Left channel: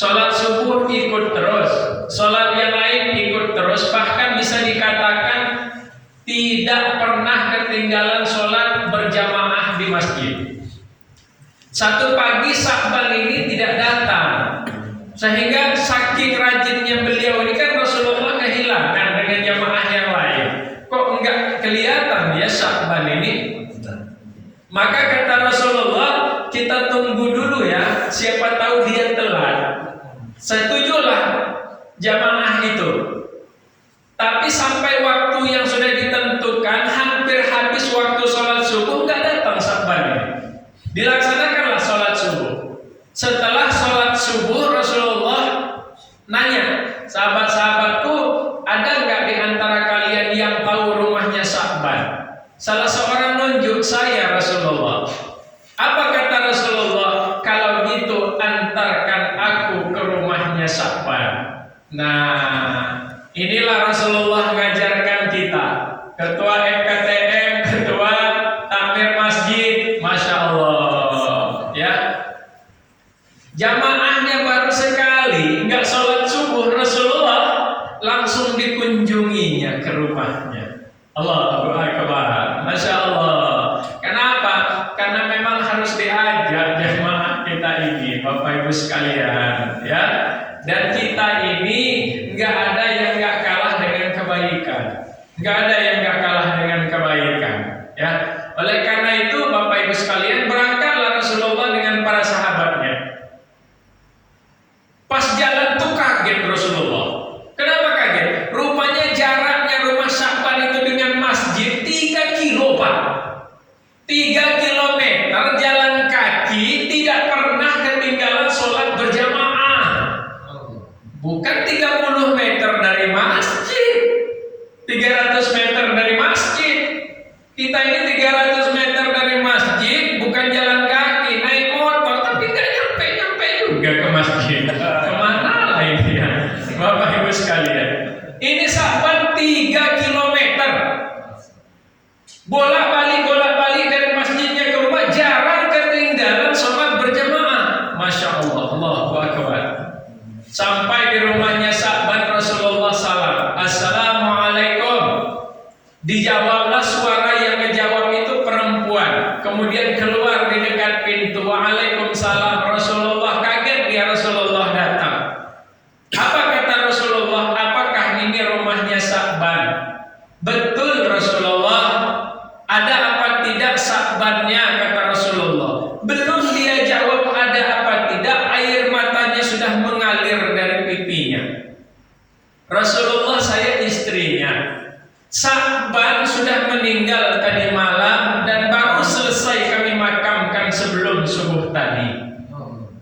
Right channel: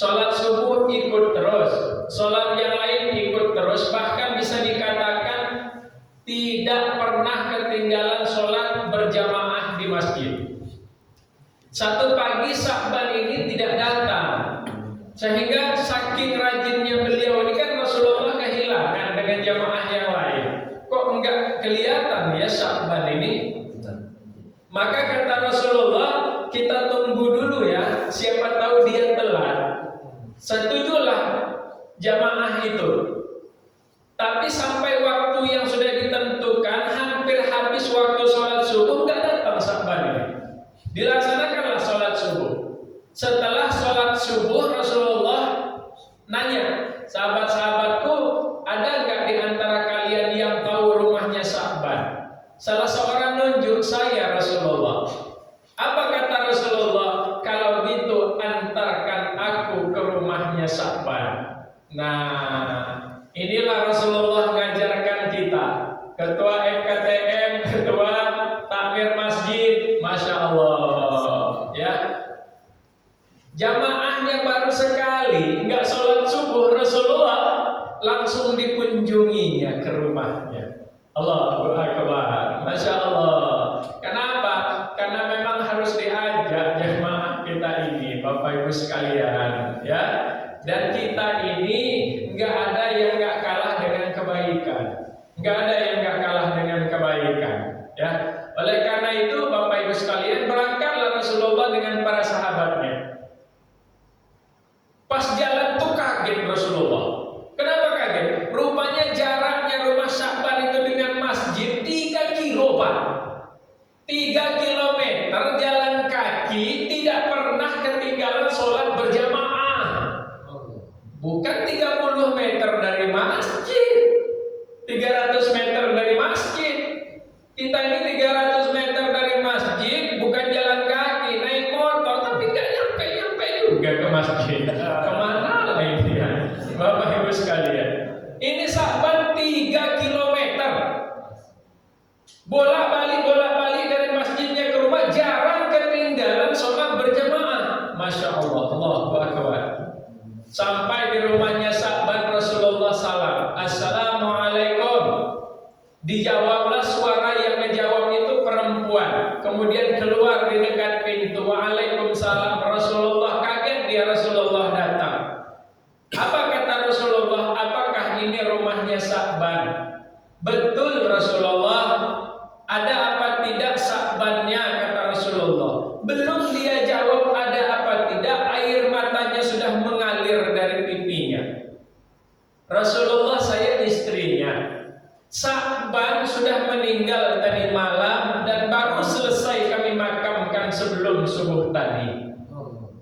Sholat subuh ikut terus, sholat yang lain ikut terus, bahkan bisa dikatakan tidak pernah ketinggalan sholat berjamaah di masjid. Satu pagi Sya'ban ini tidak datang, sehingga saking rajinnya beliau ini kan Rasulullah kehilangan dengan jamaah yang lain. Kok enggak kelihatan ya Sya'ban ini? Maka kata Rasulullah, kita tunggu dulu ya, siapa tahu dia telat. Setujulah jamaah itu. Tapi sampai waktu yang sudah ditentukan, hampir habis waktu sholat subuh, enggak datang Sya'ban ini. Dilaksanakanlah sholat subuh. Setelah sholat subuh Rasulullah nanya, sahabat-sahabatku, ada nggak di antara kalian yang tahu rumahnya Sya'ban? Salah seorang nunjuk, saya Rasulullah. Apa kata Rasulullah? Kalau gitu antarkan aku ke rumahnya Sya'ban. Nah, inilah Rasulullah mengajarkan kita. Ketua FKTM, ketua takmir masjid, Masya Allah ya. Jamaahnya baru sekali nggak sholat subuh, Rasulullah langsung dikunjunginya ke rumahnya. Allahu Akbar, Masya Allah. Kenapa? Karena memang harus diajak jamaah kita ini, Bapak Ibu sekalian ya. Dan kita ini nggak ada yang nggak kalah dengan kebaikan, nggak ada yang nggak kalah dengan kebaikan ya. Oleh karena itu Bapak Ibu sekalian, berangkatlah Rasulullah dengan para sahabatnya. Pas jalan tuh kaget Rasulullah. Kenapa kaget? Rupanya jaraknya rumah Sya'ban itu dengan masjid 3 kilo Pak. 3 kilometer jalan kaki, tidak pernah ketinggalan sholat berjamaah. Bukan 30 meter dari masjid, 300 meter dari masjid. Kita ini 300 meter dari masjid, bukan jalan kaki, naik motor, tapi nggak nyampe-nyampe juga ke masjid. Kemana lah ini ya, Bapak Ibu sekalian. Ini Sya'ban 3 kilometer. Bolak-balik dari masjidnya ke rumah, jarang ketinggalan sholat berjamaah. Masya Allah, Allahu Akbar. Sampai di rumahnya Sya'ban, Rasulullah salam, Assalamualaikum. Dijawablah, suara yang ngejawab itu perempuan. Kemudian keluar di dekat pintu, Waalaikumsalam. Rasulullah kaget, dia Rasulullah datang. Apa kata Rasulullah? Apakah ini rumahnya Sya'ban? Betul Rasulullah. Ada apa tidak Sya'bannya? Kata Rasulullah. Belum dia jawab ada apa tidak, air matanya sudah mengalir dari pipinya. Rasulullah, saya istrinya. Sya'ban sudah meninggal tadi malam dan baru selesai kami makamkan sebelum subuh tadi.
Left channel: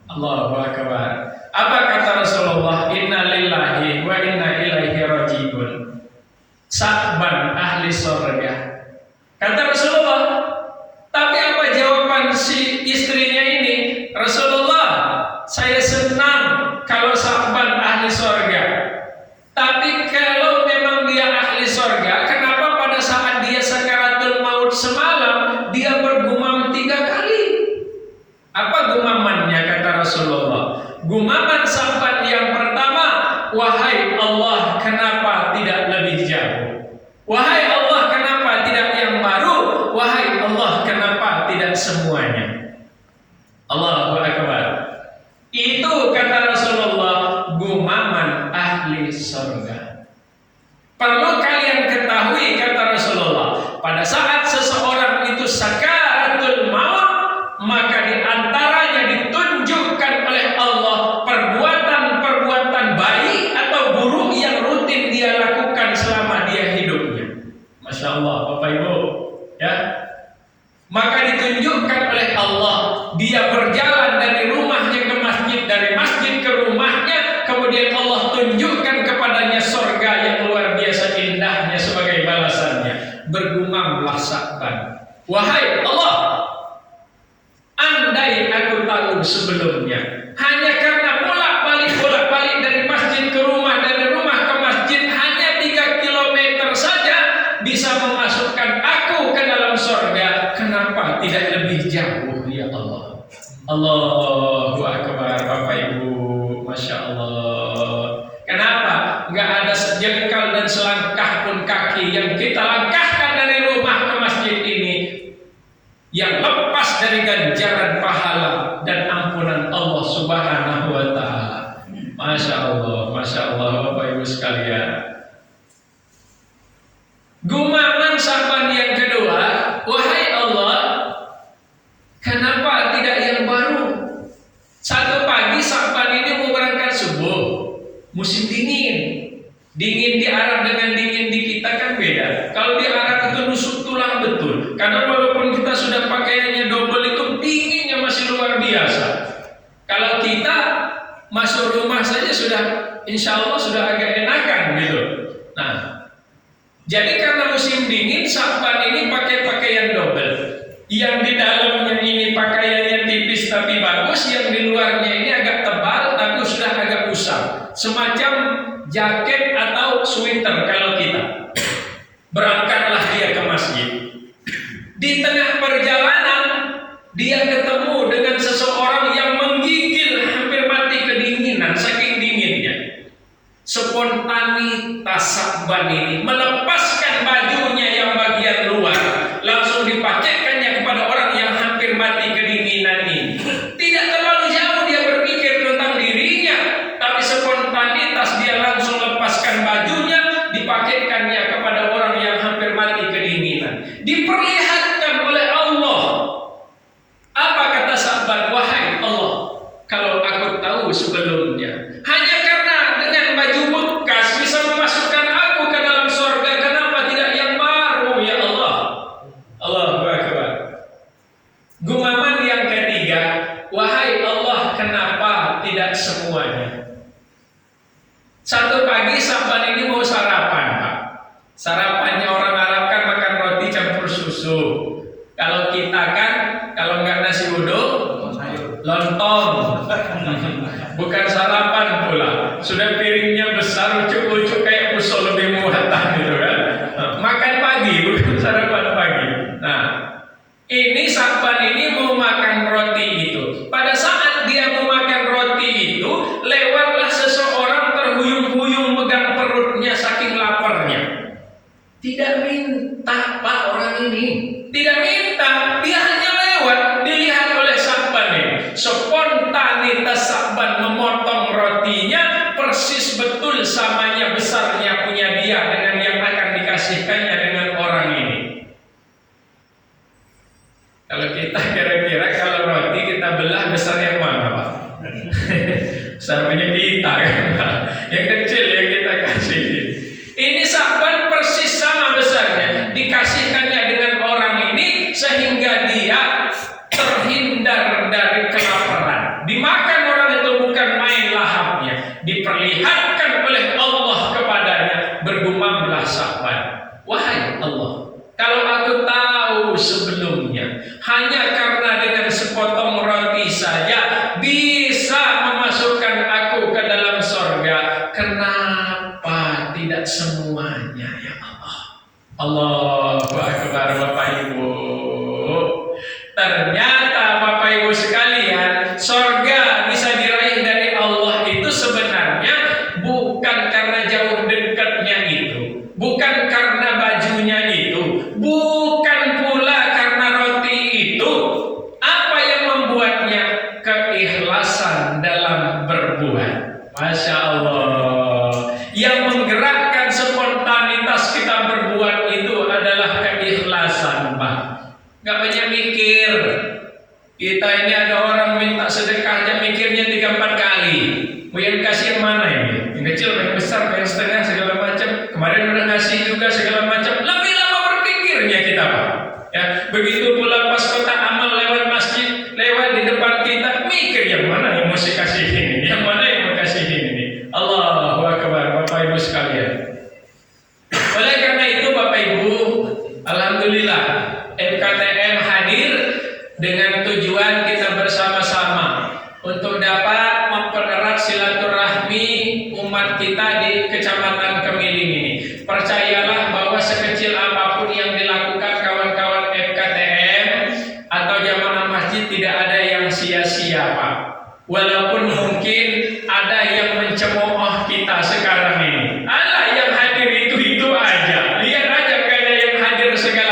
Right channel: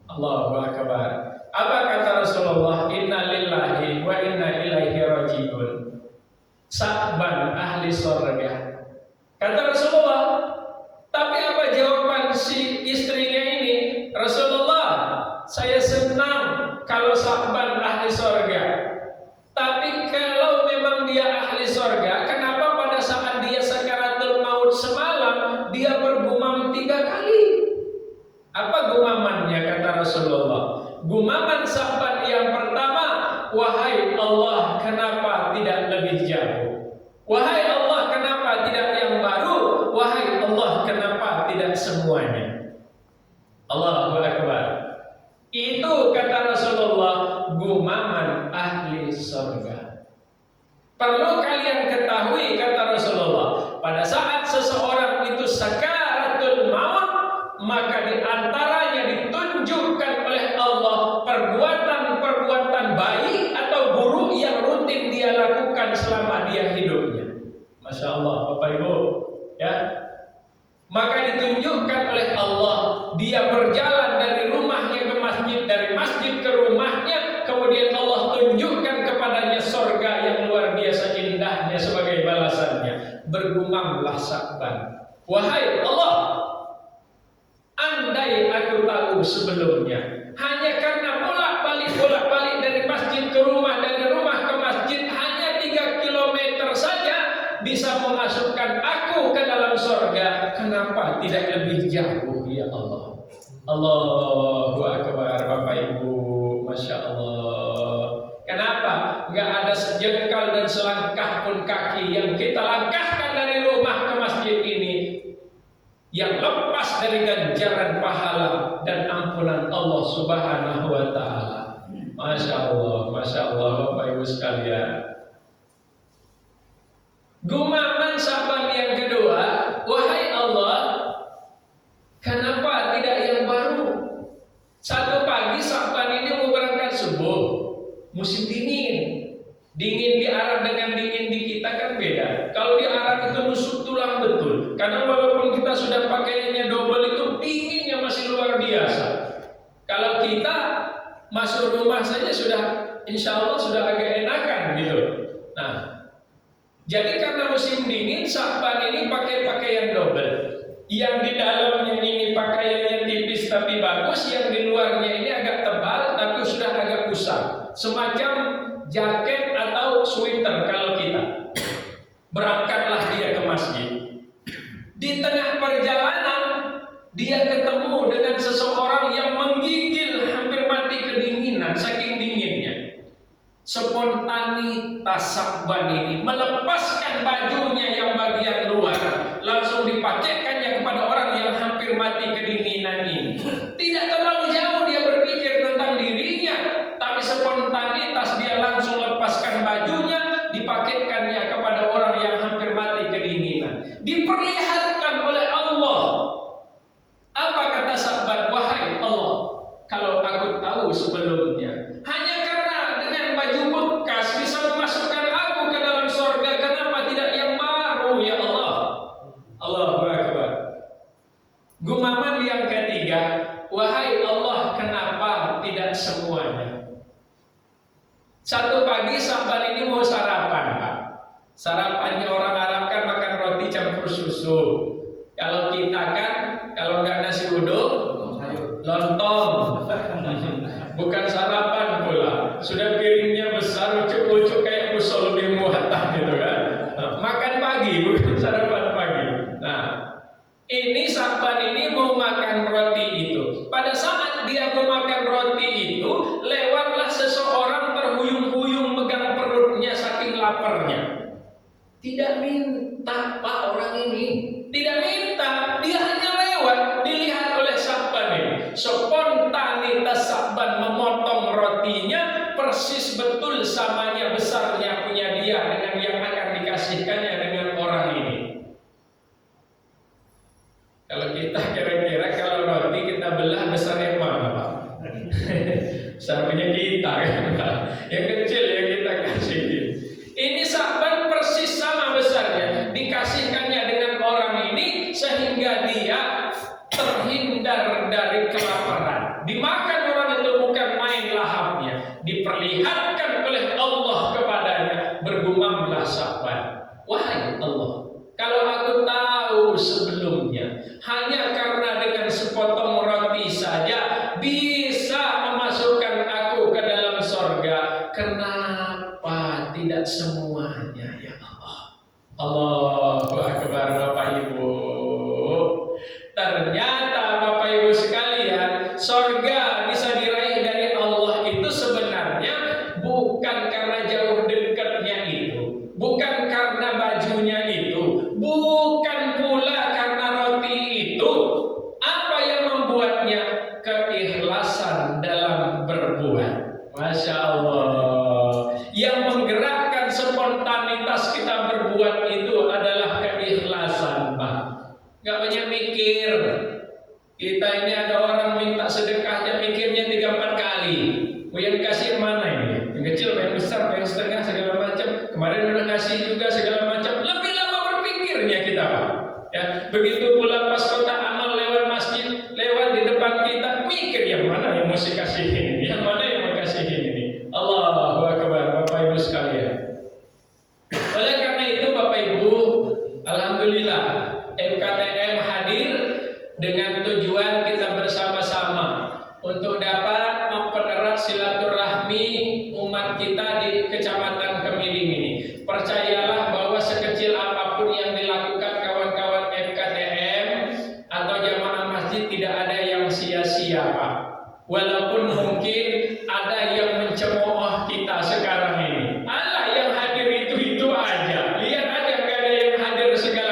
Allahu Akbar. Apa kata Rasulullah? Inna lillahi wa inna ilaihi raji'un. Sya'ban ahli surga. Kata Rasulullah. Tapi apa jawaban si istrinya ini? Rasulullah, saya senang kalau Sya'ban ahli surga. Tapi kalau memang dia ahli surga, kenapa pada saat dia sakaratul maut semalam dia bergumam 3 kali? Apa gumamannya kata Rasulullah? Gumaman Sya'ban yang pertama, wahai Allah, kenapa tidak lebih jauh? Wahai Allah, kenapa tidak yang baru? Wahai Allah, kenapa tidak semuanya? Allahu Akbar. Itu kata Rasulullah, gumaman ahli surga. Perlu kalian ketahui kata Rasulullah, pada saat seseorang itu sakaratul maut, maka di antaranya ditunjukkan oleh Allah perbuatan-perbuatan baik atau buruk yang rutin dia lakukan selama dia hidupnya. Masya Allah, Bapak Ibu ya. Maka ditunjukkan oleh Allah, dia berjalan dari rumahnya ke masjid, dari masjid ke rumahnya, kemudian Allah tunjukkan kepadanya surga yang luar biasa indahnya sebagai balasannya. Bergumamlah Sya'ban, wahai Allah, andai aku tahu sebelumnya, hanya karena bolak-balik dari masjid ke rumah, dari rumah ke masjid hanya 3 kilometer saja bisa memasukkan aku ke dalam surga, kenapa tidak lebih jauh ya Allah? Allahu Akbar, Bapak Ibu, Masya Allah Subhanahu wa taala. Masya Allah Bapak Ibu sekalian. Gumaman sapaan yang kedua, wahai Allah, kenapa tidak yang baru? Satu pagi sapaan ini mau berangkat subuh, musim dingin. Dingin di Arab dengan dingin di kita kan beda. Kalau di Arab itu nusuk tulang betul. Karena walaupun kita sudah pakaiannya double itu dinginnya masih luar biasa. Kalau kita masuk rumah saja sudah, insya Allah sudah agak enakan gitu. Nah, jadi karena musim dingin, sapaan ini pakai pakaian double. Yang di dalamnya ini pakaiannya tipis tapi bagus, yang di luarnya ini agak tebal tapi sudah agak usang. Semacam jaket atau sweater kalau kita. Berangkatlah dia ke masjid. Di tengah perjalanan, dia ketemu dengan seseorang yang menggigil hampir mati kedinginan, saking dinginnya. Spontanitas Sa'ban ini melepaskan bajunya yang bagian luar, langsung dipakaikannya kepada orang yang hampir mati kedinginan ini. Tidak terlalu jauh dia berpikir tentang dirinya, tapi spontanitas dia langsung lepaskan bajunya, dipakaikannya kepada orang yang hampir mati kedinginan. Diperlihatkan oleh Allah. Apa kata Sa'ban? Wahai Allah, kalau aku tahu sebelumnya, hanya karena dengan baju bekas bisa memasukkan aku ke dalam surga, kenapa tidak yang baru ya Allah? Allahu Akbar. Gumaman yang ketiga, wahai Allah, kenapa tidak semuanya? Satu pagi Sa'ban ini mau sarapan, Pak. Sarapannya orang Arab kan makan roti campur susu. Kalau kita kan, kalau nggak nasi uduk, lontong. Bukan sarapan pula. Sudah piringnya besar, ucuk-ucuk kayak pusok lebih muatan gitu kan. Makan pagi, bukan sarapan pagi. Nah, ini Sa'ban ini mau makan roti itu. Pada saat dia mau makan roti itu, lewatlah seseorang terhuyung-huyung megang perutnya saking laparnya. Tidak minta Pak orang ini, tidak minta, dia hanya lewat, dilihat oleh Sa'ban ini. Spontanitas Sa'ban memotong rotinya persis betul samanya besarnya punya dia dengan yang akan dikasihkannya dengan orang ini. Kalau kita kira-kira kalau roti kita belah besar yang mana Pak? Besar punya kita kan Pak? Yang kecil yang kita kasih. Ini Sa'ban persis sama besarnya, dikasihkannya dengan orang ini sehingga dia terhindar dari kelaparan. Dimakan orang itu bukan main lahapnya, diperlihatkan oleh Allah kepadanya. Bergumamlah Sa'ban, wahai Allah, kalau aku tahu sebelumnya hanya karena dengan sepotong roti saja bisa memasukkan aku ke dalam surga, kenapa tidak semuanya ya Allah? Allahu Akbar Bapak Ibu. Ternyata Bapak Ibu sekalian, surga bisa diraih dari Allah itu sebenarnya bukan karena jauh dekatnya itu, bukan karena bajunya itu, bukan pula karena roti itu. Apa yang membuatnya? Keikhlasan dalam berbuat. Masya Allah. Yang menggerakkan spontanitas kita berbuat itu adalah keikhlasan, Pak. Gak banyak mikir. Kita ini ada orang minta sedekah aja mikirnya 3-4 kali. Mau yang kasih mana ini? Yang kecil, yang besar, yang setengah